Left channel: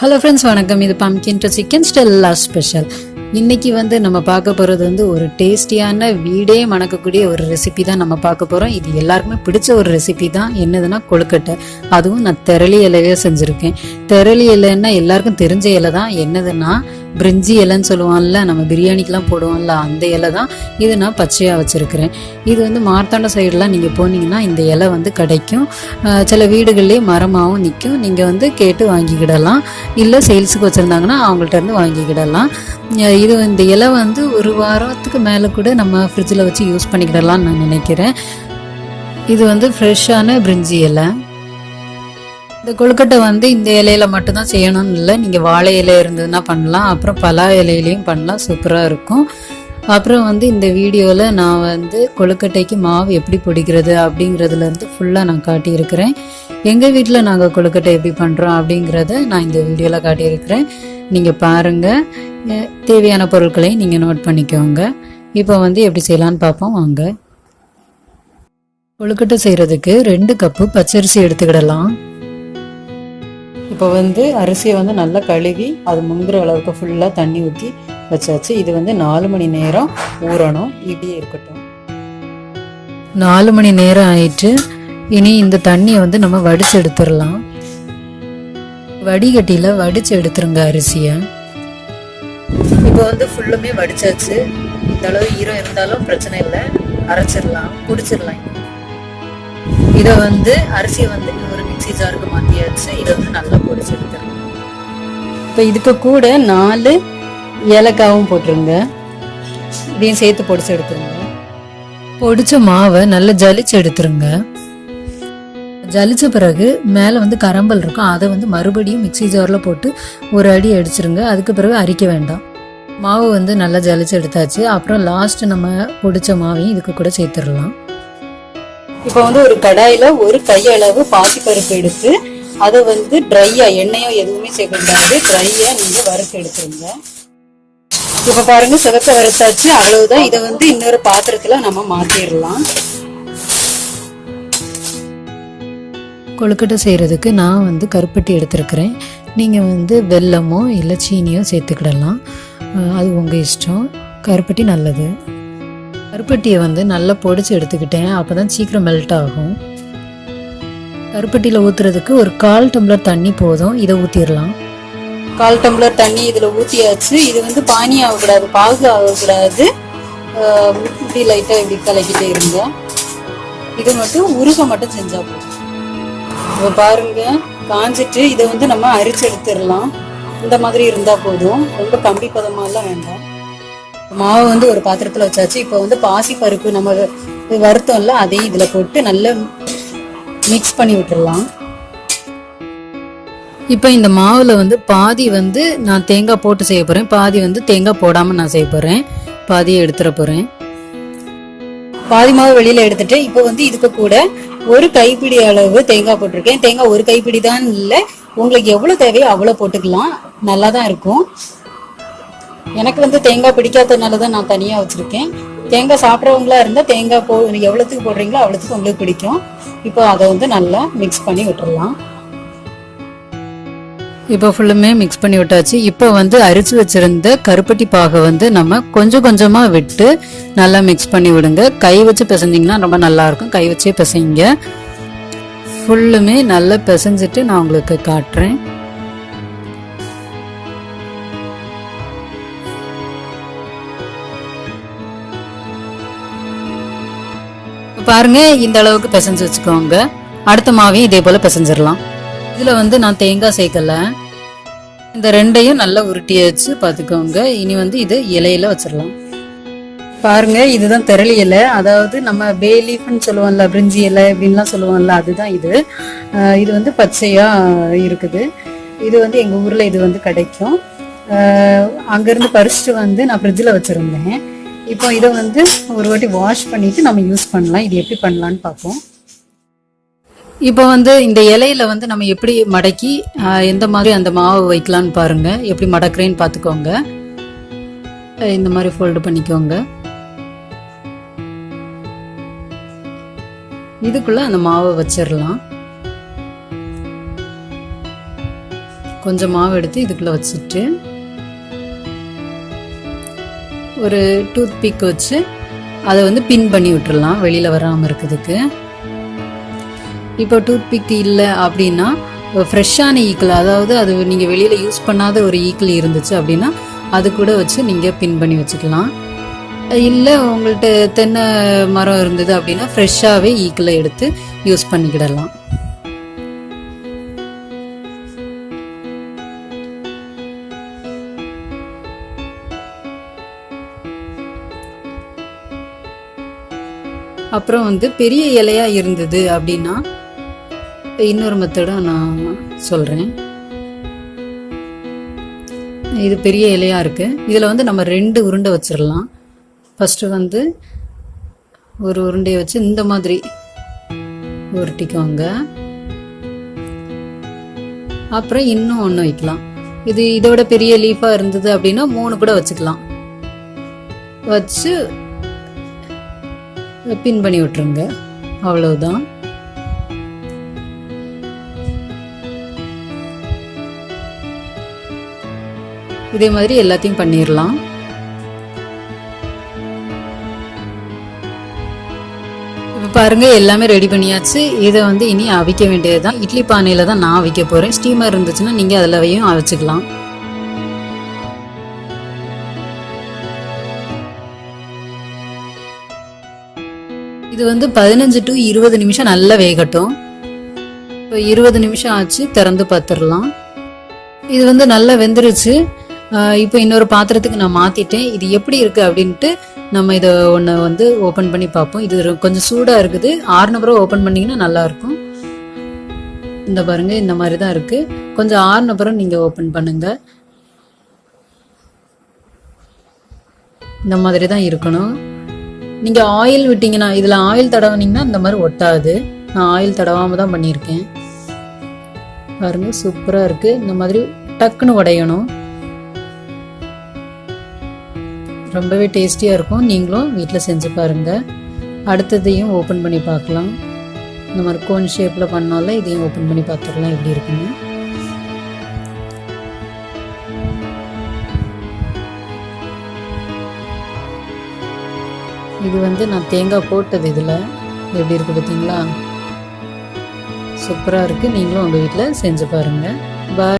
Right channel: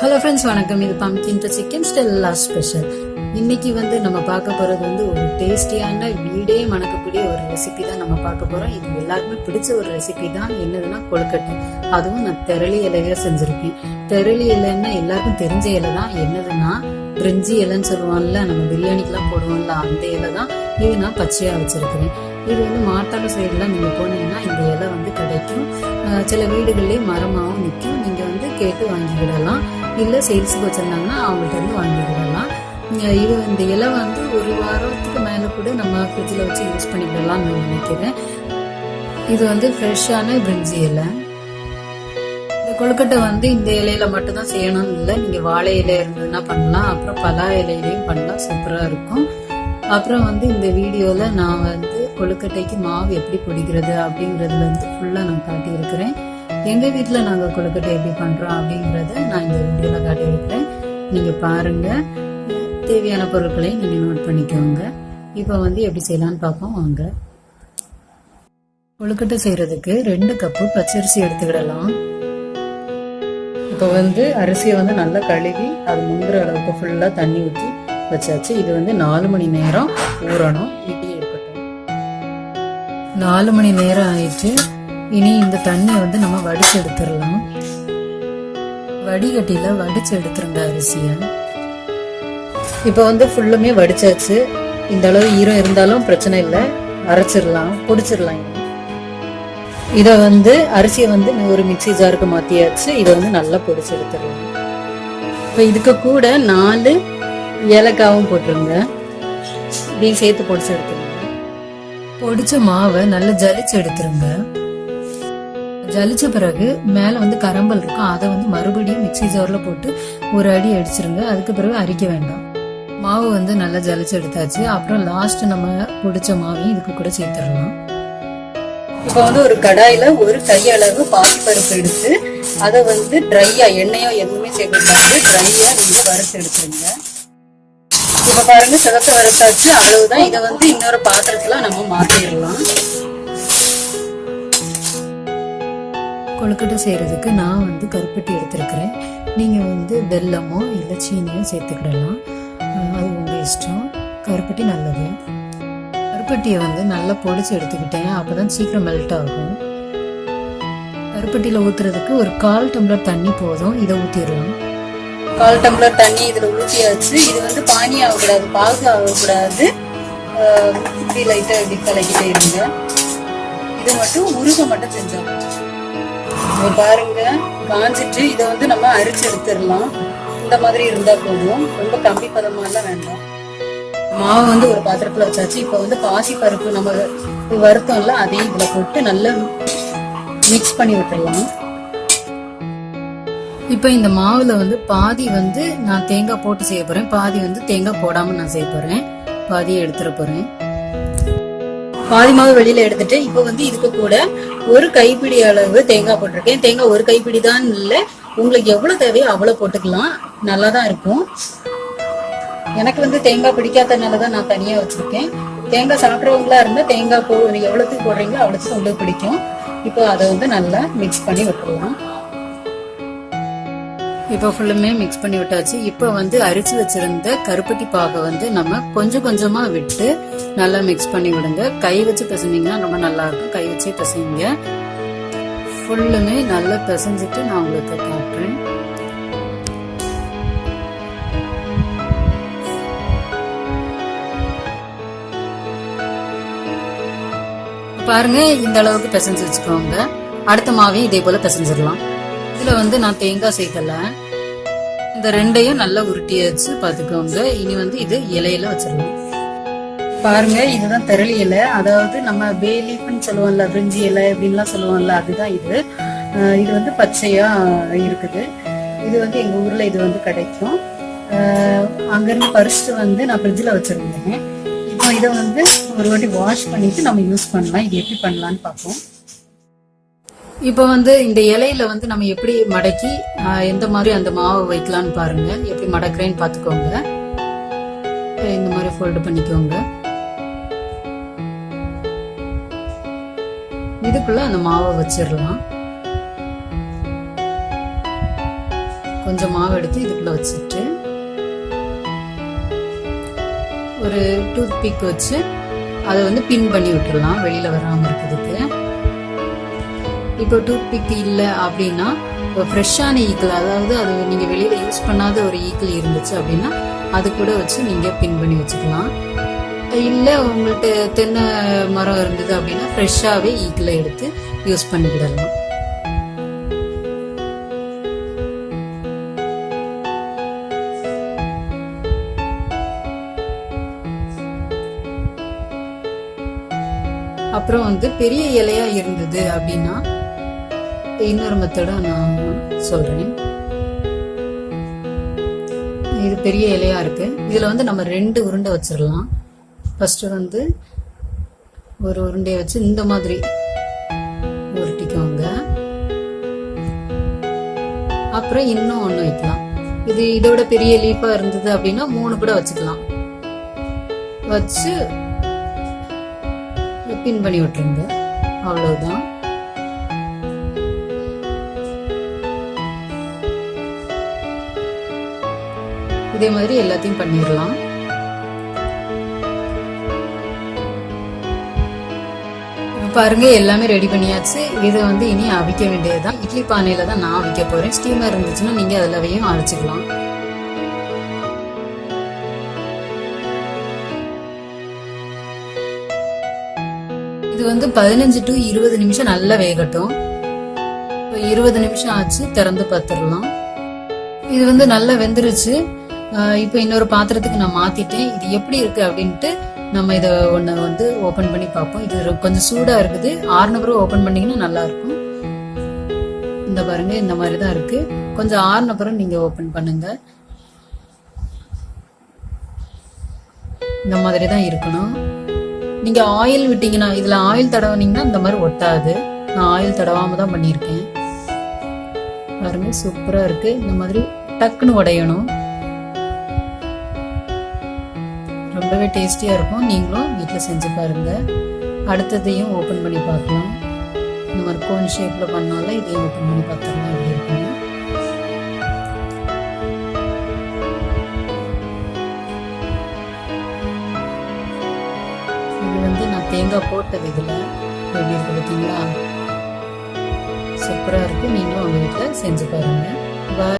Hello friends, வணக்கம். இது pumpkin to chicken Stella special. இன்னைக்கு நம்ம பார்க்க போகிறது ஒரு டேஸ்டியான வீடே மணக்கக்கூடிய ஒரு ரெசிபி தான் நம்ம பார்க்க போகிறோம். இது எல்லாருக்குமே பிடிச்ச ஒரு ரெசிபி தான். என்னதுன்னா கொழுக்கட்டை. அதுவும் நான் தெரளி இலையே செஞ்சுருக்கேன். தெரளி இலைன்னா எல்லாருக்கும் தெரிஞ்ச இலை தான். என்னதுன்னா பிரிஞ்சி இலைன்னு சொல்லுவோம்ல, நம்ம பிரியாணிக்கெலாம் போடுவோம்ல, அந்த இலை தான். இது நான் பச்சையாக வச்சுருக்கிறேன். இது மார்த்தாண்ட சைடெலாம் நீங்கள் போனீங்கன்னா இந்த இலை கிடைக்கும். சில வீடுகள்லேயே மரமாகவும் நிற்கும். நீங்கள் கேட்டு வாங்கிக்கிடலாம். இல்லை சேல்ஸுக்கு வச்சுருந்தாங்கன்னா அவங்கள்ட்ட இருந்து வாங்கிக்கிடலாம். இந்த இலை ஒரு வாரத்துக்கு மேலே கூட நம்ம ஃப்ரிட்ஜில் வச்சு யூஸ் பண்ணிக்கிடலாம்னு நான் நினைக்கிறேன். இது ஃப்ரெஷ்ஷான பிரிஞ்சி இலை. இந்த கொழுக்கட்டை இந்த இலையில மட்டும்தான் செய்யணும்னு இல்லை, நீங்கள் வாழை இலை இருந்ததுன்னா பண்ணலாம், அப்புறம் பலா இலையிலையும் பண்ணலாம். சூப்பராக இருக்கும். அப்புறம் இந்த வீடியோவில் நான் கொழுக்கட்டைக்கு மாவு எப்படி பிடிக்கிறது அப்படிங்கிறதுலேருந்து ஃபுல்லாக நான் காட்டியிருக்கிறேன். எங்கள் வீட்டில் நாங்கள் கொழுக்கட்டை எப்படி பண்ணுறோம் அப்படிங்கிறத நான் இந்த வீடியோவில் காட்டியிருக்கிறேன். நீங்கள் பாருங்கள். தேவையான பொருட்களை நீங்கள் நோட் பண்ணிக்கோங்க. இப்போ எப்படி செய்யலான்னு பார்ப்போம் வாங்க. கொழுக்கட்டை செய்கிறதுக்கு 2 கப்பு பச்சரிசி எடுத்துக்கிடலாம். இப்போ அரிசியை நல்லா கழுவி அது முங்குற அளவுக்கு ஃபுல்லாக தண்ணி ஊற்றி வச்சாச்சு. இது 4 மணி நேரம் ஊறணும். இப்படியே இருக்கட்டும். 4 மணி நேரம் ஆயிட்டு. இனி இந்த தண்ணியை நம்ம வடிச்சு எடுத்துடலாம். வடிகட்டியில் வடிச்சு எடுத்துருங்க அரிசியை. இப்போ ஃபுல்லுமே வடிச்சாச்சு. இந்த அளவு ஈரம் இருந்தாலும் பிரச்சனை இல்லை, அரைச்சிடலாம், பிடிச்சிடலாம். இதை அரிசியை ஒரு மிக்சி ஜாருக்கு மாற்றியாச்சு. இதை நல்லா பொடிச்சு எடுத்துடலாம். இப்போ இதுக்கு கூட 4 ஏலக்காவும் போட்டுருங்க. இதையும் சேர்த்து பொடிச்சு எடுத்துருங்க. பொடிச்ச மாவை நல்லா ஜலிச்சு எடுத்துருங்க. ஜலிச்ச பிறகு மேலே கரம்பல் இருக்கும். அதை மறுபடியும் மிக்சி ஜாரில் போட்டு ஒரு அடி அடிச்சிருங்க. அதுக்கு பிறகு அரிக்க வேண்டாம். மாவு நல்லா ஜலிச்சு எடுத்தாச்சு. அப்புறம் லாஸ்ட் நம்ம பொடிச்ச மாவையும் இதுக்கு கூட சேர்த்துடலாம். இப்போ ஒரு கடாயில ஒரு கையளவு பாசிப்பருப்பு எடுத்து அதை ட்ரையா, எண்ணெயோ எதுவுமே சேர்க்கக்கூடாது, ட்ரையா நீங்க வறுத்து எடுத்துருங்க. இப்ப பாருங்க, சிவக்க வறுத்தாச்சு. அவ்வளவுதான். இதை இன்னொரு பாத்திரத்துல நம்ம மாத்திடலாம். கொழுக்கட்டை செய்யறதுக்கு நான் கருப்பட்டி எடுத்திருக்கிறேன். நீங்க வெல்லமோ இல்லை சீனியோ சேர்த்துக்கிடலாம். அது உங்க இஷ்டம். கருப்பட்டி நல்லது. கருப்பட்டியை நல்லா பொடிச்சு எடுத்துக்கிட்டேன். அப்போதான் சீக்கிரம் மெல்ட் ஆகும். கருப்பட்டியில் ஊற்றுறதுக்கு ஒரு 1/4 டம்ளர் தண்ணி போதும். இதை ஊற்றிடலாம். 1/4 டம்ளர் தண்ணி இதில் ஊற்றியாச்சு. இது பானி ஆகக்கூடாது, பாகு ஆகக்கூடாது. இப்படி லைட்டாக இப்படி கலக்கிட்டே இருங்க. இது மட்டும் உருக மட்டும் செஞ்சா போதும். இப்போ பாருங்க, காஞ்சிட்டு இதை நம்ம அரிச்சு எடுத்துடலாம். இந்த மாதிரி இருந்தால் போதும். ரொம்ப கம்பி பதமாலாம் வேண்டாம். மாவு ஒரு பாத்திரத்துல வச்சாச்சு. இப்போ பாசி பருப்பு நம்ம வருத்தம்ல, அதையும் இதுல போட்டு நல்லா மிக்ஸ் பண்ணி விட்டுடலாம். இப்போ இந்த மாவுல பாதி நான் தேங்காய் போட்டு செய்ய போறேன், பாதி தேங்காய் போடாம நான் செய்ய போறேன். பாதியை எடுத்துட போறேன். பாதி மாவு வெளியில எடுத்துட்டு இப்போ இதுக்கு கூட ஒரு கைப்பிடி அளவு தேங்காய் போட்டிருக்கேன். தேங்காய் ஒரு கைப்பிடி தான் இல்லை, உங்களுக்கு எவ்வளவு தேவையோ அவ்வளவு போட்டுக்கலாம். நல்லா தான் இருக்கும். எனக்கு தேங்காய் பிடிக்காதனாலதான் நான் தனியா வச்சிருக்கேன். தேங்காய் சாப்பிட்றவங்களா இருந்தா தேங்காய் எவ்வளவுக்கு போடுறீங்களோ அவ்வளவுக்கு உங்களுக்கு பிடிக்கும். இப்போ அதை நல்லா மிக்ஸ் பண்ணி விட்டுறலாம். இப்போ ஃபுல்லுமே மிக்ஸ் பண்ணி விட்டாச்சு. இப்போ அரிச்சு வச்சிருந்த கருப்பட்டி பாகை நம்ம கொஞ்சம் கொஞ்சமா விட்டு நல்லா மிக்ஸ் பண்ணி விடுங்க. கை வச்சு பிசைஞ்சிங்கன்னா ரொம்ப நல்லா இருக்கும். கை வச்சே பிசைங்க. ஃபுல்லுமே நல்லா பிசைஞ்சிட்டு நான் உங்களுக்கு காட்டுறேன். பாருங்க, இந்த அளவுக்கு பிசைஞ்சு வச்சுக்கோங்க. அடுத்த மாவையும் இதே போல பிசைஞ்சிடலாம். இதுல நான் தேங்காய் சேர்க்கல. இந்த 2ஐயும் நல்லா உருட்டியாச்சு. பார்த்துக்கோங்க. இனி இது இலையில வச்சிடலாம். பாருங்க, இதுதான் தெரளி இலை. அதாவது நம்ம பே லீஃப்னு சொல்லுவோம்ல, பிரிஞ்சி இலை அப்படின்லாம் சொல்லுவோம்ல, அதுதான் இது. இது பச்சையா இருக்குது. இது எங்க ஊர்ல இது கிடைக்கும். அங்கிருந்து பறிச்சுட்டு நான் ஃப்ரிட்ஜில் வச்சிருந்தேன். இப்போ இதை ஒரு வாட்டி வாஷ் பண்ணிட்டு நம்ம யூஸ் பண்ணலாம். இது எப்படி பண்ணலான்னு பார்ப்போம். இப்போ இந்த இலையில நம்ம எப்படி மடக்கி எந்த மாதிரி அந்த மாவு வைக்கலான்னு பாருங்க. எப்படி மடக்குறேன்னு பார்த்துக்கோங்க. இந்த மாதிரி ஃபோல்டு பண்ணிக்கோங்க. இதுக்குள்ள அந்த மாவை வச்சிடலாம். கொஞ்சம் மாவு எடுத்து இதுக்குள்ளே வச்சுட்டு ஒரு டூத் பிக் வச்சு அதை வந்து பின் பண்ணி விட்டுறலாம் வெளியில் வராமல் இருக்கிறதுக்கு. இப்போ டூத் பிக் இல்லை அப்படின்னா ஃப்ரெஷ்ஷான ஈக்கிள், அதாவது அது நீங்கள் வெளியில் யூஸ் பண்ணாத ஒரு ஈக்கிள் இருந்துச்சு அப்படின்னா அது கூட வச்சு நீங்கள் பின் பண்ணி வச்சுக்கலாம். இல்லை உங்கள்கிட்ட தென்னை மரம் இருந்தது அப்படின்னா ஃப்ரெஷ்ஷாகவே ஈக்கிளை எடுத்து யூஸ் பண்ணிக்கிடலாம். அப்புறம் வந்து பெரிய இலையா இருந்தது அப்படின்னா இன்னொரு மெத்தடும் நான் சொல்றேன். இது பெரிய இலையா இருக்கு, இதுல வந்து நம்ம 2 உருண்டை வச்சிடலாம். ஃபர்ஸ்ட் வந்து ஒரு உருண்டையை வச்சு இந்த மாதிரி உருட்டிக்கோங்க. அப்புறம் இன்னும் ஒன்று வைக்கலாம். இது இதோட பெரிய லீஃபா இருந்தது அப்படின்னா 3 கூட வச்சுக்கலாம். வச்சு பின் பண்ணி விட்டுருங்க. அவ்வளவுதான். இதே மாதிரி எல்லாத்தையும் பண்ணிடலாம். பாருங்க எல்லாமே ரெடி பண்ணியாச்சு. இதை வந்து இனி அவிக்க வேண்டியதுதான். இட்லி பானையில தான் நான் அவிக்க போறேன். ஸ்டீமர் இருந்துச்சுன்னா நீங்க அதுலவையும் அவிச்சுக்கலாம். இது வந்து 15 to 20 நிமிஷம் நல்லா வேகட்டும். 20 நிமிஷம் ஆச்சு, திறந்து பார்த்துடலாம். இது வந்து நல்லா வெந்துருச்சு. இப்போ இன்னொரு பாத்திரத்துக்கு நான் மாத்திட்டேன். இது எப்படி இருக்கு அப்படின்ட்டு நம்ம இதை ஒன்று வந்து ஓப்பன் பண்ணி பார்ப்போம். இது கொஞ்சம் சூடா இருக்குது. 6 பிறகு ஓப்பன் பண்ணீங்கன்னா நல்லா இருக்கும். இந்த பாருங்க இந்த மாதிரி தான் இருக்கு. கொஞ்சம் 6 பிறகு நீங்க ஓப்பன் பண்ணுங்க. இந்த மாதிரி தான் இருக்கணும். நீங்க ஆயில் விட்டீங்கன்னா, இதுல ஆயில் தடவுனீங்கன்னா இந்த மாதிரி ஒட்டாது. நான் ஆயில் தடவாம தான் பண்ணியிருக்கேன். பாருங்க சூப்பரா இருக்கு. இந்த மாதிரி டக்குன்னு உடையணும். ரொம்பவே டேஸ்டியா இருக்கும். நீங்களும் வீட்டில் செஞ்சு பாருங்க. அடுத்ததையும் ஓப்பன் பண்ணி பார்க்கலாம். இந்த மாதிரி கோன் ஷேப்ல பண்ணாலும் இதையும் ஓப்பன் பண்ணி பார்த்துடலாம் எப்படி இருக்குன்னு. இது வந்து நான் தேங்காய் போட்டது. இதுல எப்படி இருக்கு பார்த்தீங்களா? சூப்பரா இருக்கு. நீங்களும் உங்க வீட்டில் செஞ்சு பாருங்க. பாய்.